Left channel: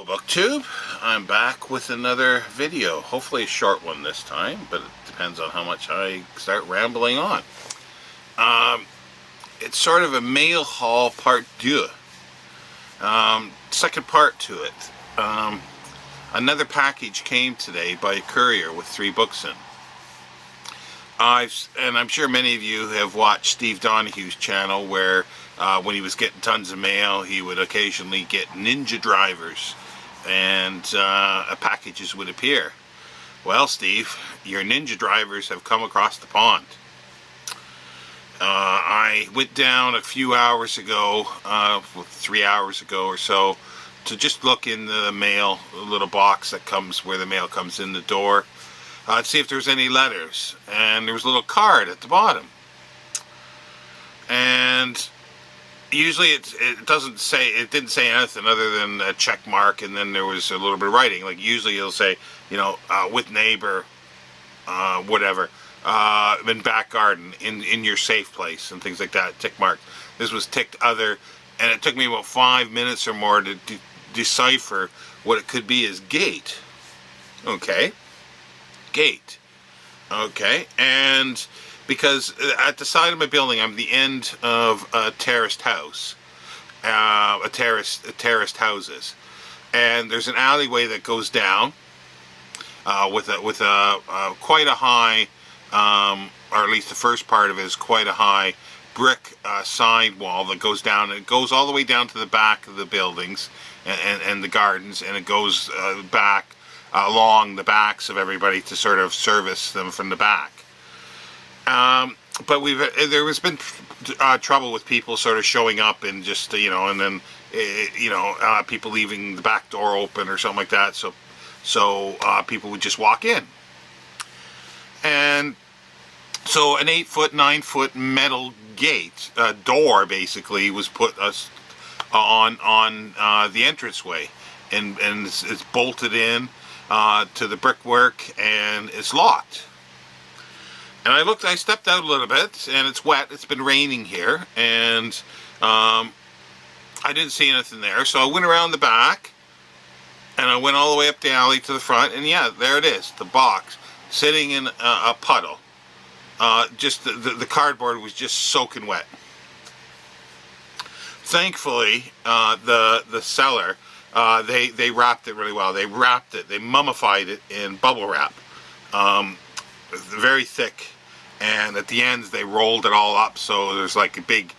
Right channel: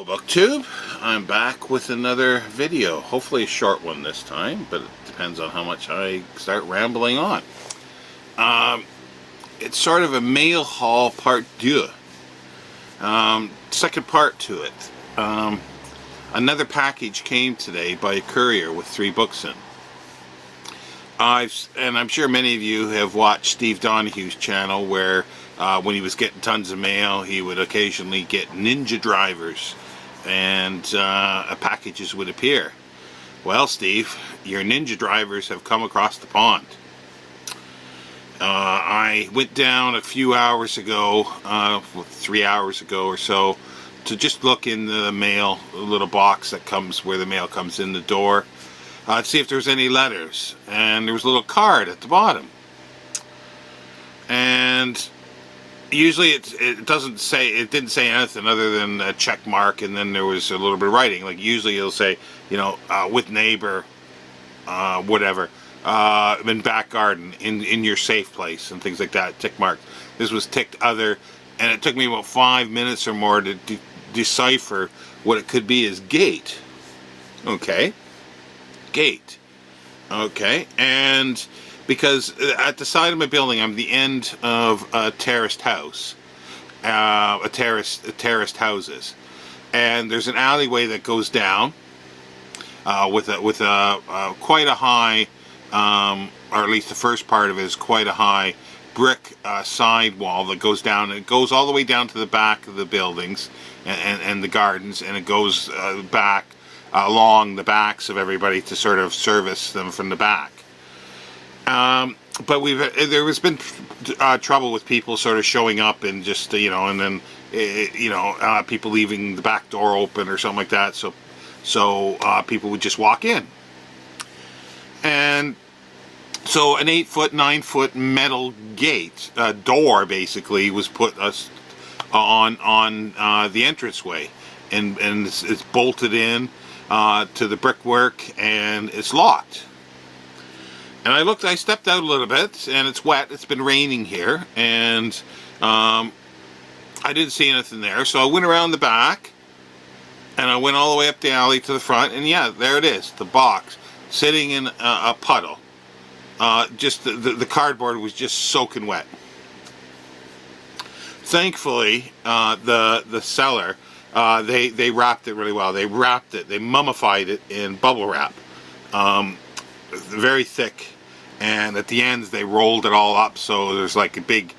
Hello BookTube, I'm back with another video, hopefully a short one this time, but it depends on how much I start rambling on. It's sort of a mail haul part 2, second part to it. Another package came today by a courier with 3 books in. And I'm sure many of you have watched Steve Donahue's channel where when he was getting tons of mail, he would occasionally get ninja drivers and packages would appear. Well, Steve, your ninja drivers have come across the pond. I went down a few hours ago, 3 hours ago or so, to just look in the mail, a little box that comes where the mail comes in the door, to see if there's any letters. And there was a little card at the bottom. And usually it didn't say anything other than a check mark, and then there was a little bit of writing. Like usually it'll say, you know, with neighbor, whatever, in back garden, in your safe place, and things like that, tick mark. This was ticked other, and it took me about 5 minutes or more to decipher what it could be as gate. Okay. Gate. Okay. And because at the side of my building, I'm the end of a terraced house, terraced houses, and there's an alleyway that goes down with quite a high, or at least the first part of it is quite a high brick side wall that goes down, and it goes all the way down to the back of the buildings and the gardens, and it goes back along the backs of everybody to sort of service them from the back. But there has been trouble with people sort of showing up and just, you know, and then, people leaving the back door open or something like that. So people would just walk in. And so an 8-foot, 9-foot metal gate, door basically, was put on the entranceway. And it's bolted in to the brickwork, and it's locked. And I stepped out a little bit, and it's wet. It's been raining here, and I didn't see anything there. So I went around the back, and I went all the way up the alley to the front, and yeah, there it is, the box, sitting in a puddle. Just the cardboard was just soaking wet. Thankfully, the seller, they wrapped it really well. They mummified it in bubble wrap. Very thick, and at the ends they rolled it all up, so there's like a big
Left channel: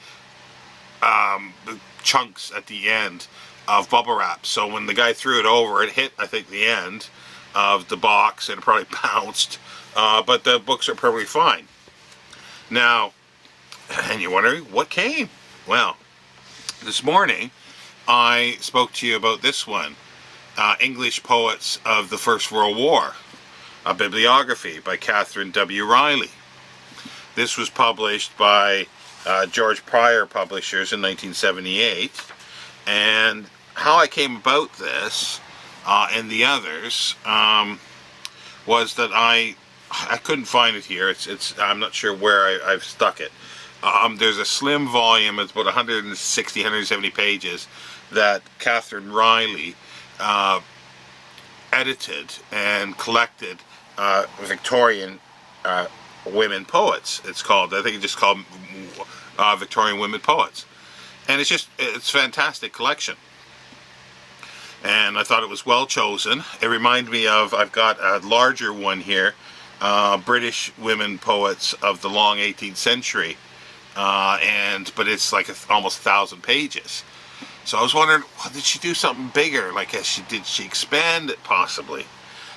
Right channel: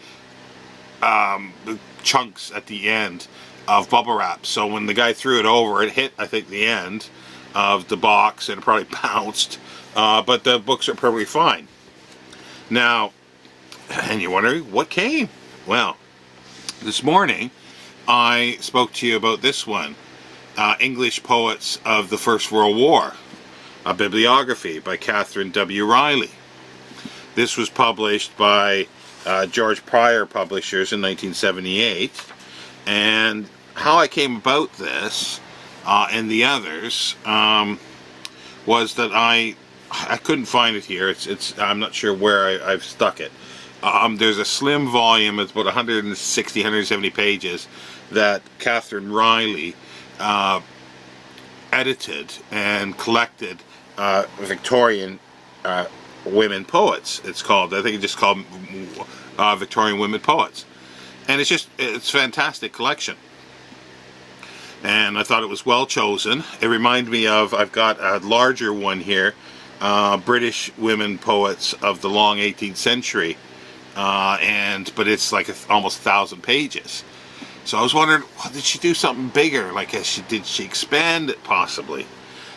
chunks at the end of bubble wrap. So when the guy threw it over, it hit, I think, the end of the box, and it probably bounced, but the books are perfectly fine. Now, and you're wondering what came? Well, this morning I spoke to you about this one, English Poets of the First World War, a bibliography by Catherine W. Riley. This was published by George Pryor Publishers in 1978. And how I came about this and the others was that I couldn't find it here. I'm not sure where I've stuck it. There's a slim volume. It's about 160, 170 pages that Catherine Riley edited and collected Victorian women poets. It's called, I think it's just called Victorian Women Poets. And it's a fantastic collection. And I thought it was well chosen. It reminded me of, I've got a larger one here, British Women Poets of the Long 18th Century. But it's like almost 1,000 pages. So I was wondering, did she do something bigger? Like, did she expand it possibly?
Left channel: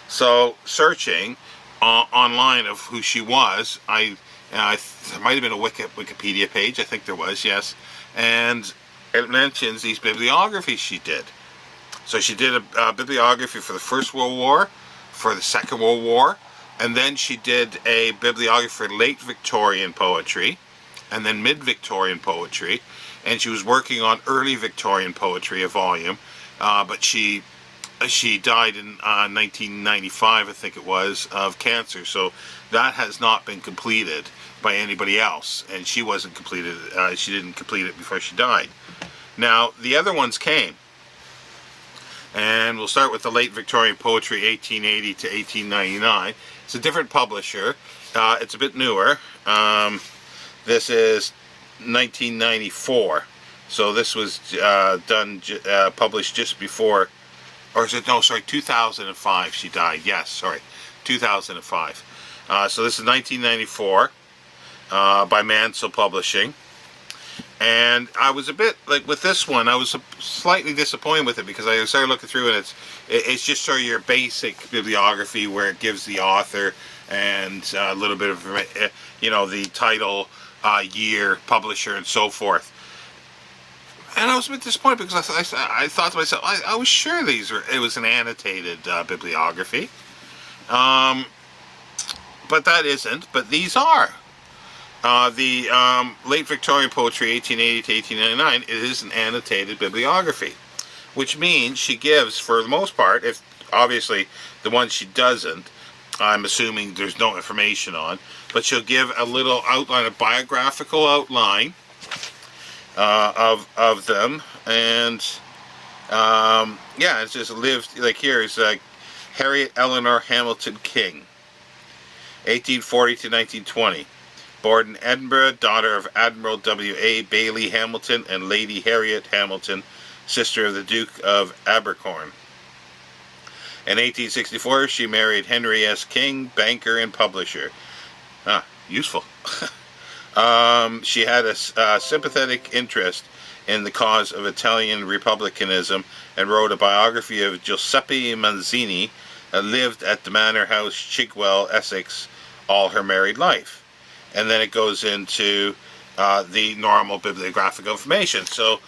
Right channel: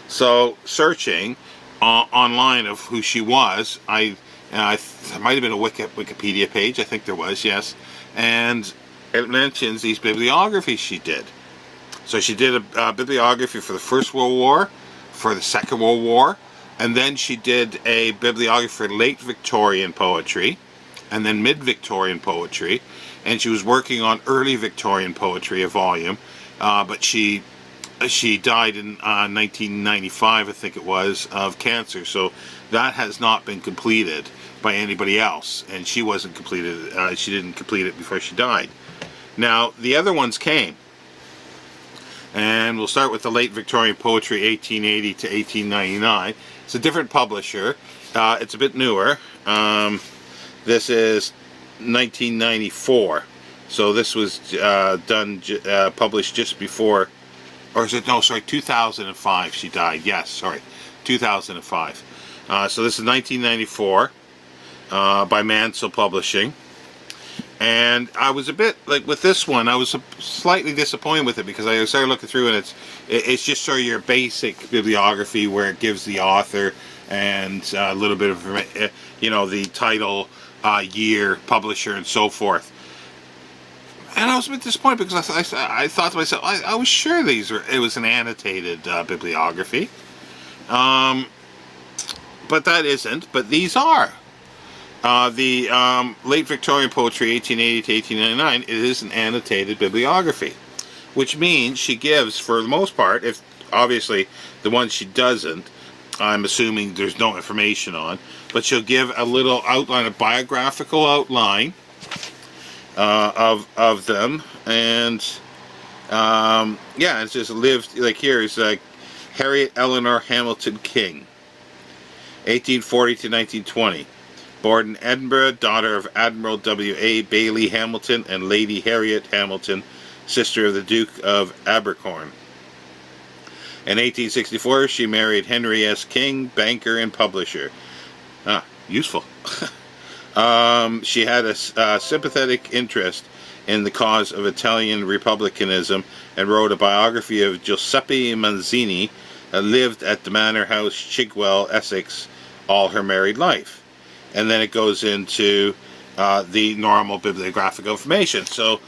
So searching online of who she was, it might have been a Wikipedia page. I think there was, yes. And it mentions these bibliographies she did. So she did a bibliography for the First World War, for the Second World War, and then she did a bibliography for late Victorian poetry, and then mid-Victorian poetry, and she was working on early Victorian poetry, a volume, but she died in 1995, I think it was, of cancer. So that has not been completed by anybody else, and she wasn't completed. She didn't complete it before she died. Now the other ones came. And we'll start with the late Victorian poetry, 1880 to 1899. It's a different publisher. It's a bit newer. This is 1994. So this was published just before, or is it, no, sorry, 2005 she died. Yes, sorry, 2005. So this is 1994 by Mansell Publishing. And I was a bit, like with this one, I was slightly disappointed with it because I started looking through and it's just sort of your basic bibliography where it gives the author and a little bit of, the title, year, publisher, and so forth. And I was a bit disappointed because I thought to myself, I was sure it was an annotated bibliography. But that isn't, but these are. The late Victorian poetry, 1880 to 1899, it is an annotated bibliography, which means she gives, for the most part, if obviously the ones she doesn't, I'm assuming there's no information on, but she'll give a little outline, a biographical outline of them, and it's just lived, like here is Harriet Eleanor Hamilton King, 1840 to 1920. Born in Edinburgh, daughter of Admiral W.A. Bailey Hamilton and Lady Harriet Hamilton, sister of the Duke of Abercorn. In 1864, she married Henry S. King, banker and publisher. Useful. She had a sympathetic interest in the cause of Italian republicanism and wrote a biography of Giuseppe Mazzini, lived at the Manor House, Chigwell, Essex, all her married life. And then it goes into the normal bibliographic information. So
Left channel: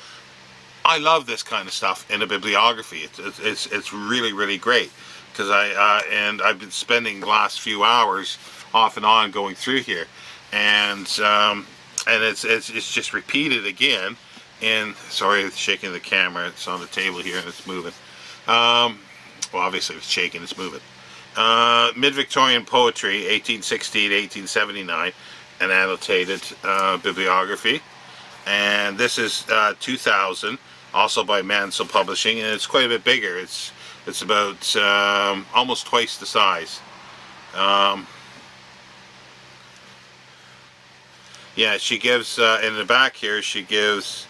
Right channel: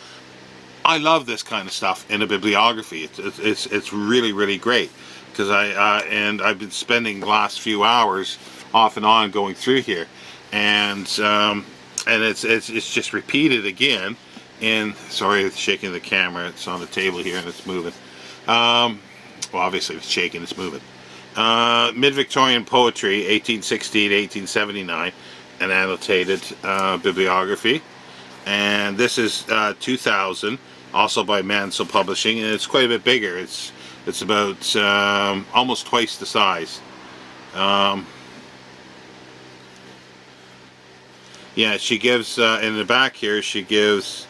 I love this kind of stuff in a bibliography. It's really, really great because I've been spending the last few hours off and on going through here, and it's just repeated again. And sorry, it's shaking the camera. It's on the table here and it's moving. Well, obviously if it's shaking, it's moving. Mid-Victorian poetry, 1860 to 1879. An annotated bibliography, and this is 2000, also by Mansell Publishing, and it's quite a bit bigger. It's about almost twice the size. She gives in the back here. She gives,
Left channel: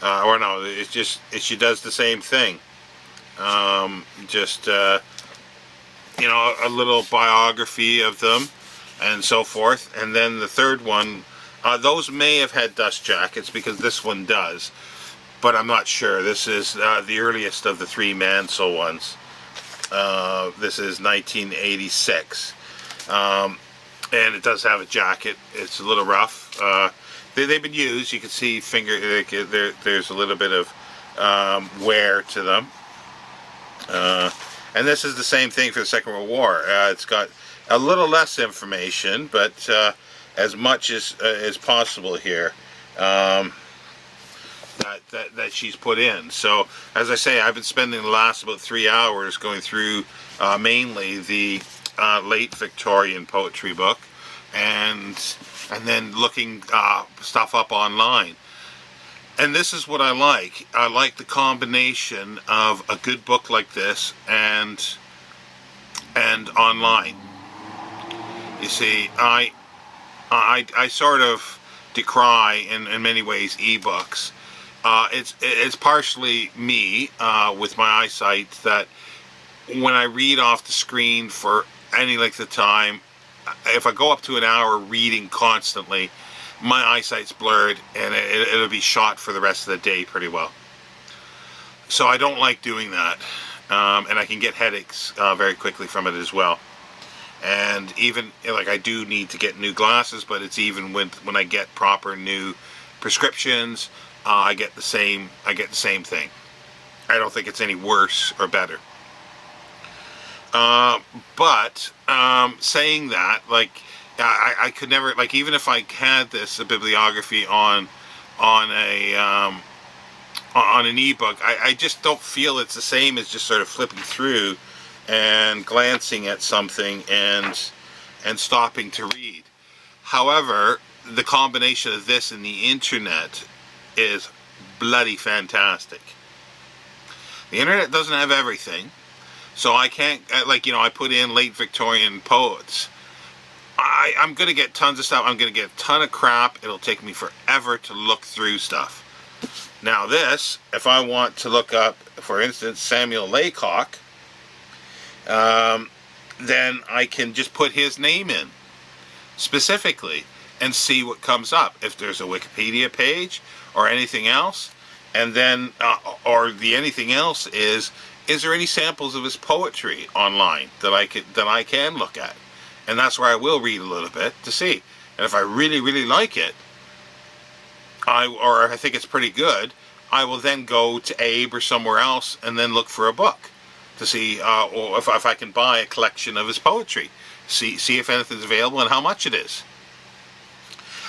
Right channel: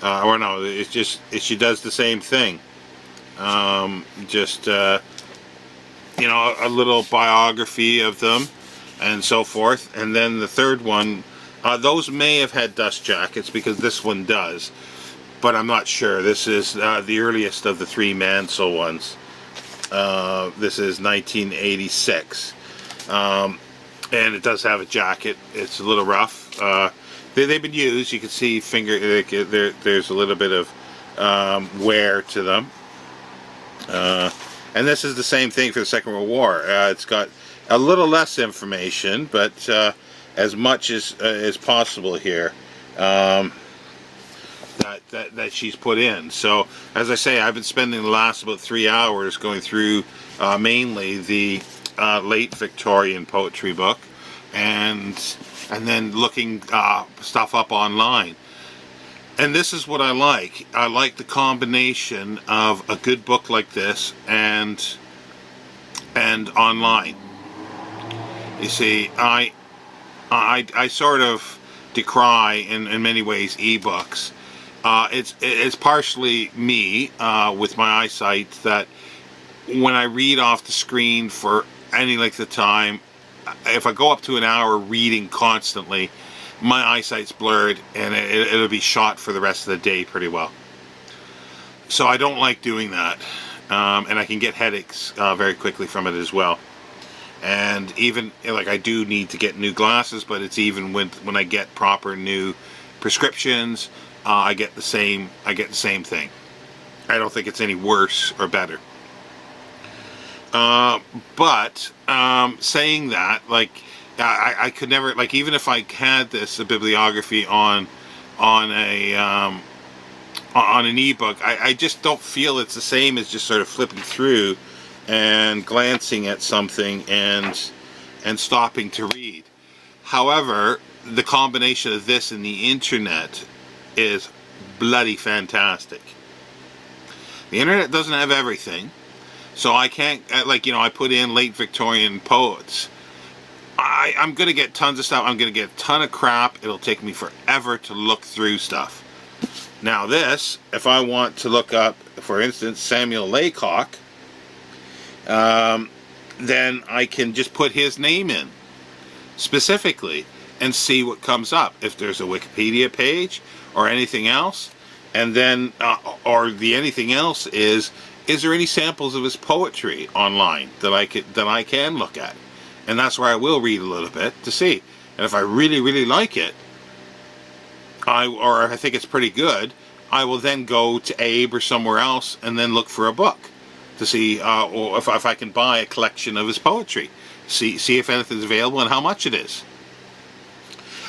she does the same thing. A little biography of them and so forth. And then the third one, those may have had dust jackets because this one does, but I'm not sure. This is the earliest of the three Mansell ones. This is 1986, and it does have a jacket. It's a little rough. They've been used. You can see there's a little bit of wear to them. And this is the same thing for the Second World War. It's got a little less information, but as much as possible here that she's put in. So, as I say, I've been spending the last about 3 hours going through mainly the late Victorian poetry book, and then looking stuff up online. And this is what I like. I like the combination of a good book like this and online. You see, I sort of decry in many ways ebooks. It's partially me with my eyesight that when I read off the screen for any length of time, if I go up to an hour reading constantly, my eyesight's blurred and it'll be shot for the rest of the day pretty well. So I don't like doing that, and I can get headaches very quickly from it as well. And even like I do need to get new glasses, but it's even when I get proper new prescriptions, I get the same thing. I don't think it's any worse or better. But saying that, like I could never, like, even if I had a bibliography on an ebook, I just don't feel it's the same as just sort of flipping through and glancing at something and stopping to read. However, the combination of this and the internet is bloody fantastic. The internet doesn't have everything. So I can't, like, I put in late Victorian poets. I'm going to get tons of stuff. I'm going to get a ton of crap. It'll take me forever to look through stuff. Now this, if I want to look up, for instance, Samuel Laycock, then I can just put his name in specifically and see what comes up. If there's a Wikipedia page or anything else, and then, or the anything else is there any samples of his poetry online that I can look at? And that's where I will read a little bit to see. And if I really, really like it, or I think it's pretty good, I will then go to Abe or somewhere else and then look for a book to see, or if I can buy a collection of his poetry. See if anything's available and how much it is.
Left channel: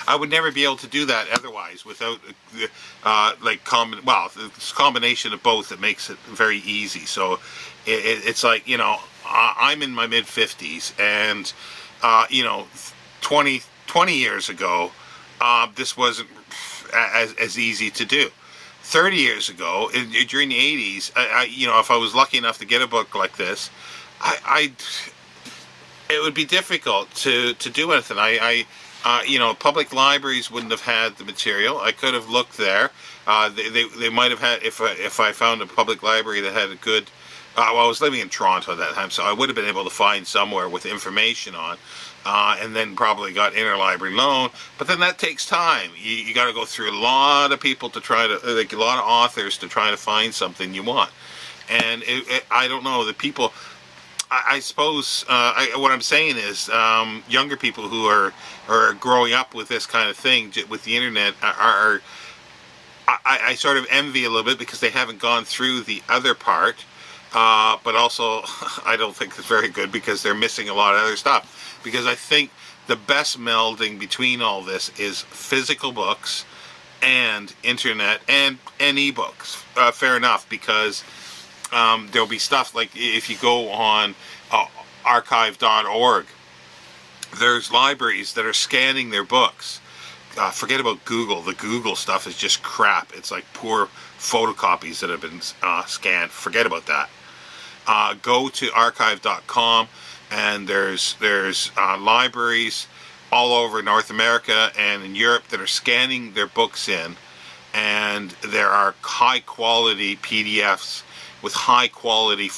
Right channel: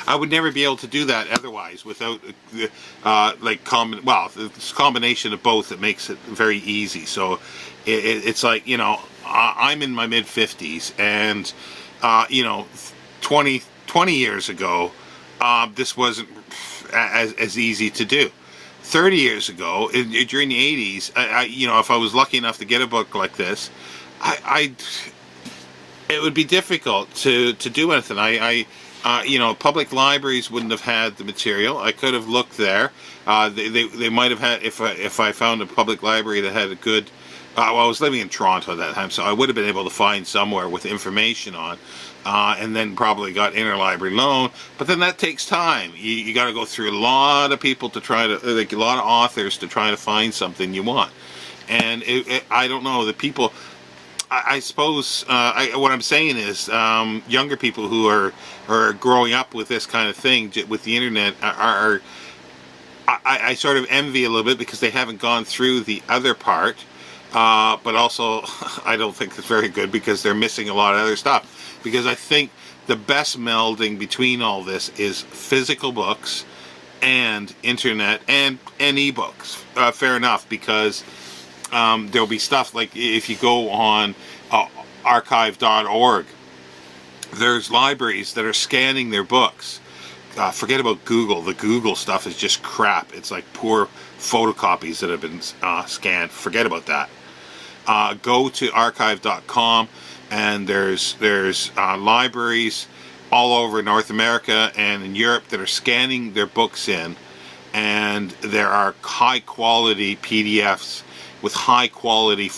I would never be able to do that otherwise without, it's a combination of both that makes it very easy. So it's like, I'm in my mid-50s, and, 20 years ago, this wasn't as easy to do. 30 years ago, during the 80s, if I was lucky enough to get a book like this, it would be difficult to do anything. Public libraries wouldn't have had the material. I could have looked there. They might have had, if I found a public library that had a good, I was living in Toronto at that time, so I would have been able to find somewhere with information on, and then probably got interlibrary loan. But then that takes time. You got to go through a lot of people to try to, like a lot of authors to try to find something you want. And I don't know, the people, I suppose what I'm saying is younger people who are growing up with this kind of thing, with the internet, I sort of envy a little bit because they haven't gone through the other part. But also, I don't think it's very good because they're missing a lot of other stuff. Because I think the best melding between all this is physical books and internet and ebooks. Fair enough, because there'll be stuff like if you go on archive.org, there's libraries that are scanning their books. Forget about Google. The Google stuff is just crap. It's like poor photocopies that have been scanned. Forget about that. Go to archive.com, and there's libraries all over North America and in Europe that are scanning their books in, and there are high quality PDFs with high quality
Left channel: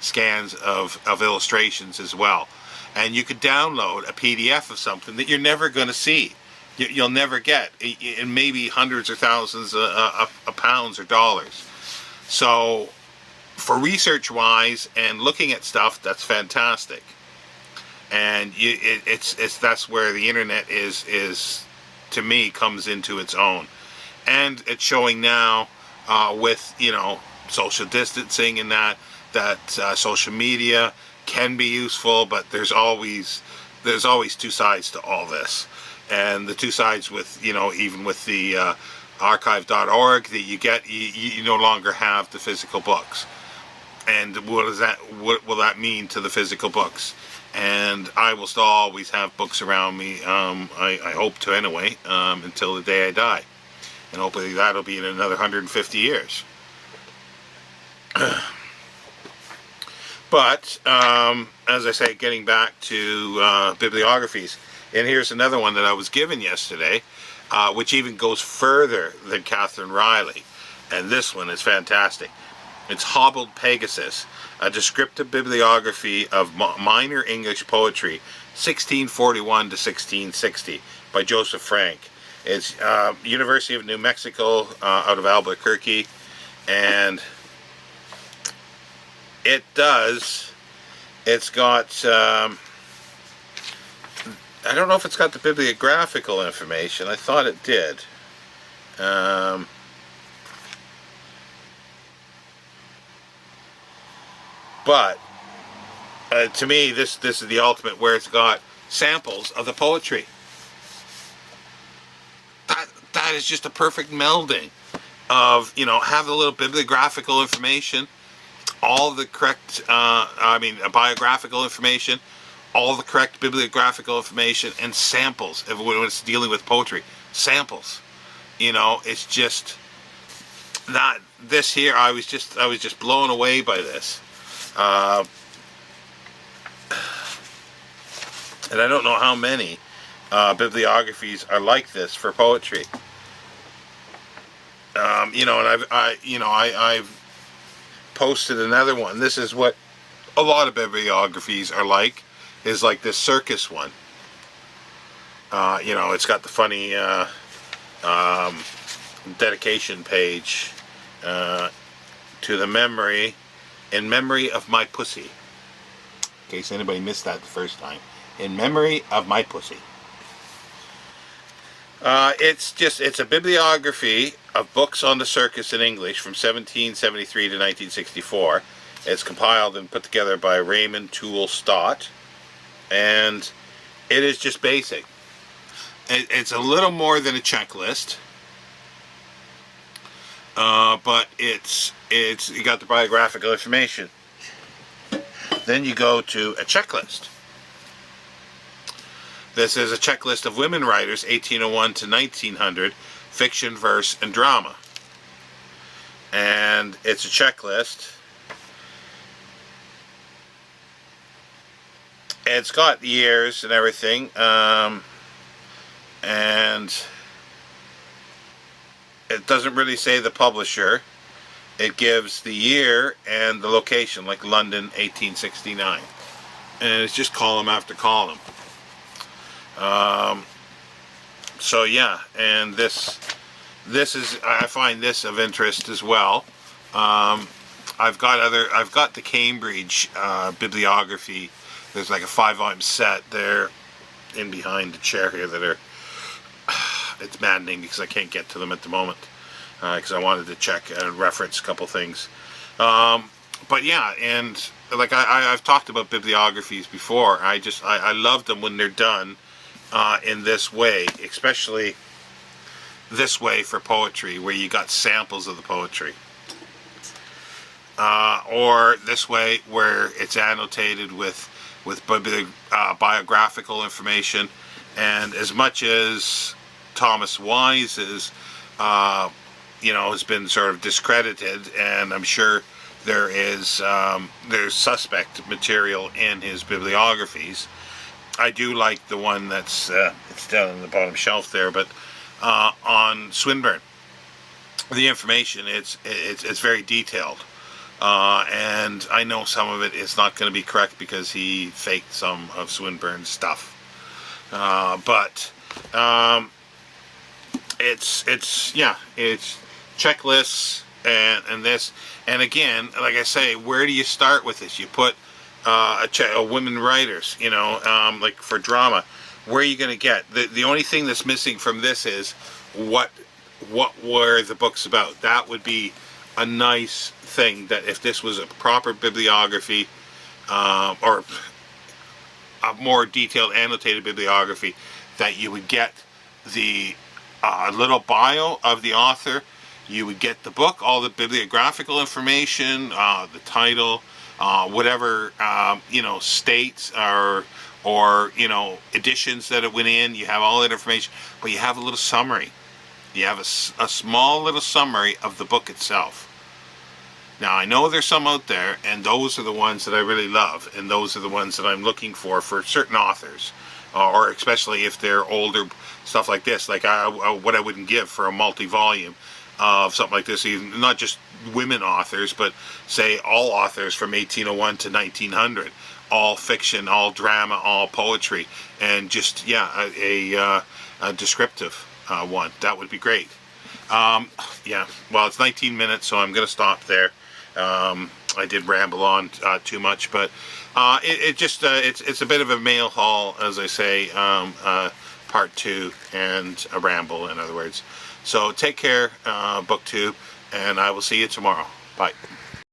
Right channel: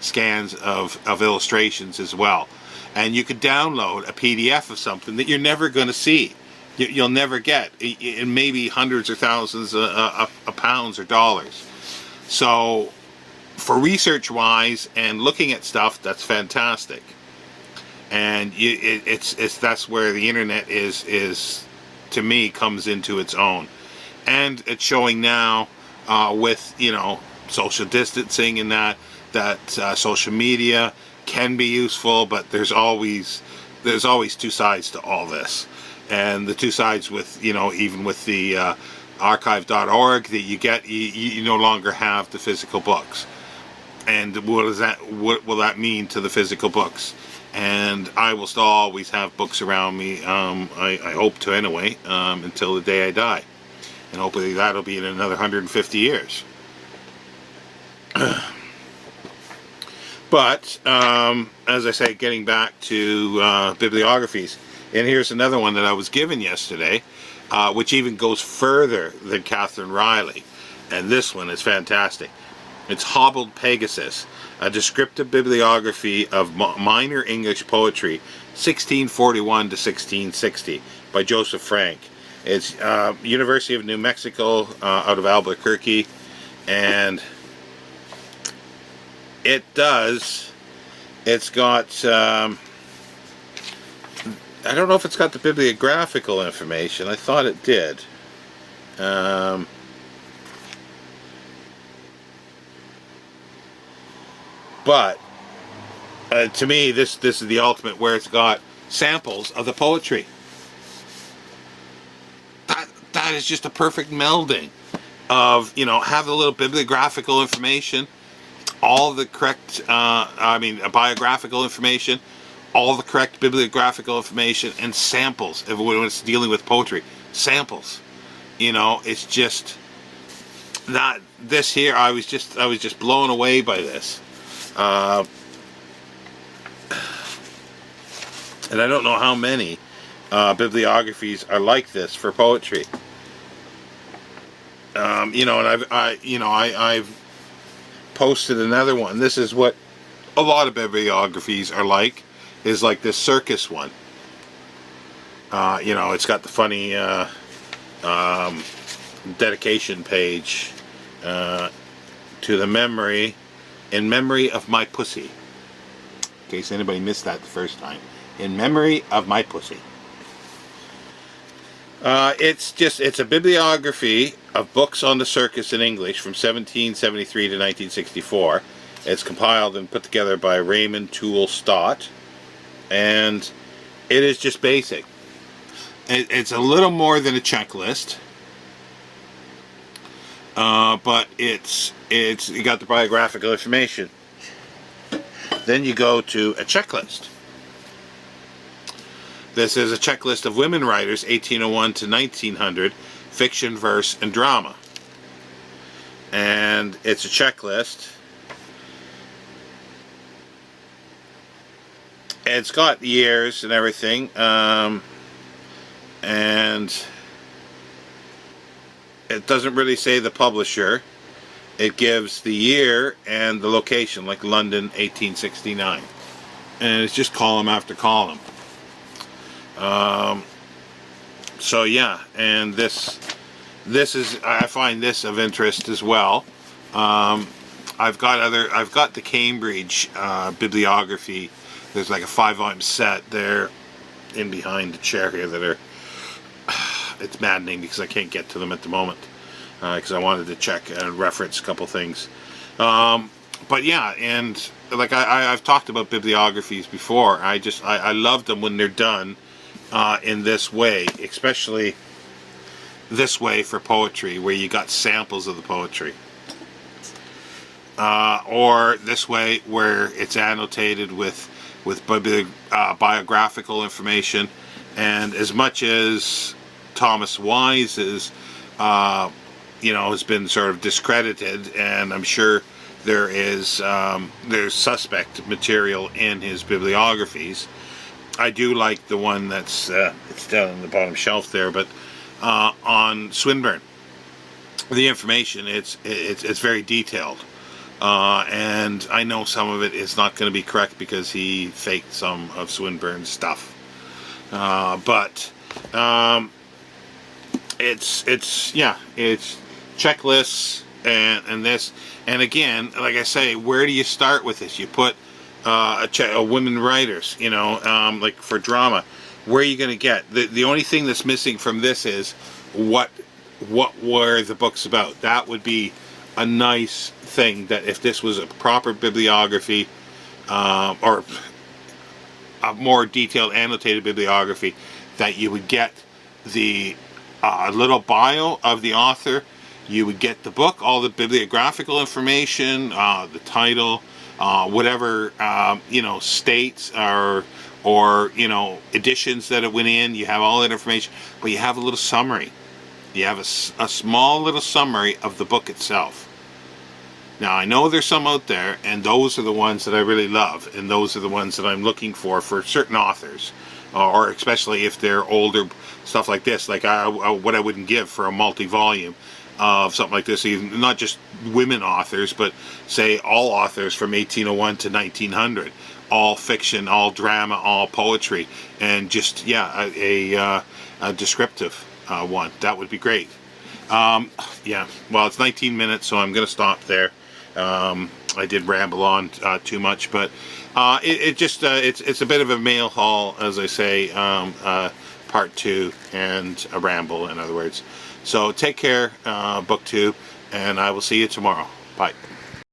scans of illustrations as well. And you could download a PDF of something that you're never going to see. You'll never get, in maybe hundreds or thousands of pounds or dollars. So for research-wise and looking at stuff, that's fantastic. And that's where the internet is to me, comes into its own. And it's showing now with, social distancing and that social media can be useful, but there's always two sides to all this. And the two sides with, even with the archive.org that you get, you no longer have the physical books. And what will that mean to the physical books? And I will still always have books around me, I hope to anyway, until the day I die. And hopefully that'll be in another 150 years. But, as I say, getting back to bibliographies, and here's another one that I was given yesterday, which even goes further than Catherine Riley. And this one is fantastic. It's Hobbled Pegasus, a descriptive bibliography of minor English poetry, 1641 to 1660, by Joseph Frank. It's University of New Mexico, out of Albuquerque, and it's got, I don't know if it's got the bibliographical information. I thought it did. But to me, this is the ultimate, where it's got samples of the poetry. That is just a perfect melding of, have a little bibliographical information, all the correct, biographical information, all the correct bibliographical information, and samples when it's dealing with poetry. Samples. It's just that this here, I was just blown away by this. And I don't know how many bibliographies are like this for poetry. And I've posted another one. This is what a lot of bibliographies are like. Is like this circus one. It's got the funny dedication page to the in memory of my pussy. In case anybody missed that the first time. In memory of my pussy. It's a bibliography of books on the circus in English from 1773 to 1964. It's compiled and put together by Raymond Toole Stott. And it is just basic. It's a little more than a checklist. But it's you got the biographical information. Then you go to a checklist. This is a checklist of women writers, 1801 to 1900, fiction, verse, and drama. And it's a checklist. It's got years and everything. And it doesn't really say the publisher. It gives the year and the location, like London, 1869. And it's just column after column. So yeah, and this is, I find this of interest as well. I've got the Cambridge bibliography. There's like a 5-volume set there in behind the chair here that are, it's maddening because I can't get to them at the moment because I wanted to check and reference a couple things. But yeah, and like I've talked about bibliographies before. I love them when they're done in this way, especially this way for poetry, where you got samples of the poetry, or this way where it's annotated with biographical information. And as much as Thomas Wise is, has been sort of discredited, and I'm sure there's suspect material in his bibliographies. I do like the one that's it's down on the bottom shelf there, but on Swinburne, the information it's very detailed, and I know some of it is not going to be correct because he faked some of Swinburne's stuff, but it's checklists and this, and again, like I say, where do you start with this? You put women writers, like for drama. Where are you going to get? The only thing that's missing from this is what were the books about? That would be a nice thing, that if this was a proper bibliography, or a more detailed annotated bibliography, that you would get the little bio of the author, you would get the book, all the bibliographical information, the title, whatever states or editions that it went in. You have all that information, but you have a little summary. You have a small little summary of the book itself. Now, I know there's some out there, and those are the ones that I really love, and those are the ones that I'm looking for certain authors, or especially if they're older, stuff like this, like what I wouldn't give for a multi-volume of something like this, even not just women authors, but say all authors from 1801 to 1900, all fiction, all drama, all poetry, and just a descriptive one. That would be great. Well, it's 19 minutes, so I'm going to stop there. I did ramble on too much, but it's a bit of a mail haul, as I say, part 2, and a ramble, in other words. So take care, book 2, and I will see you tomorrow. Bye.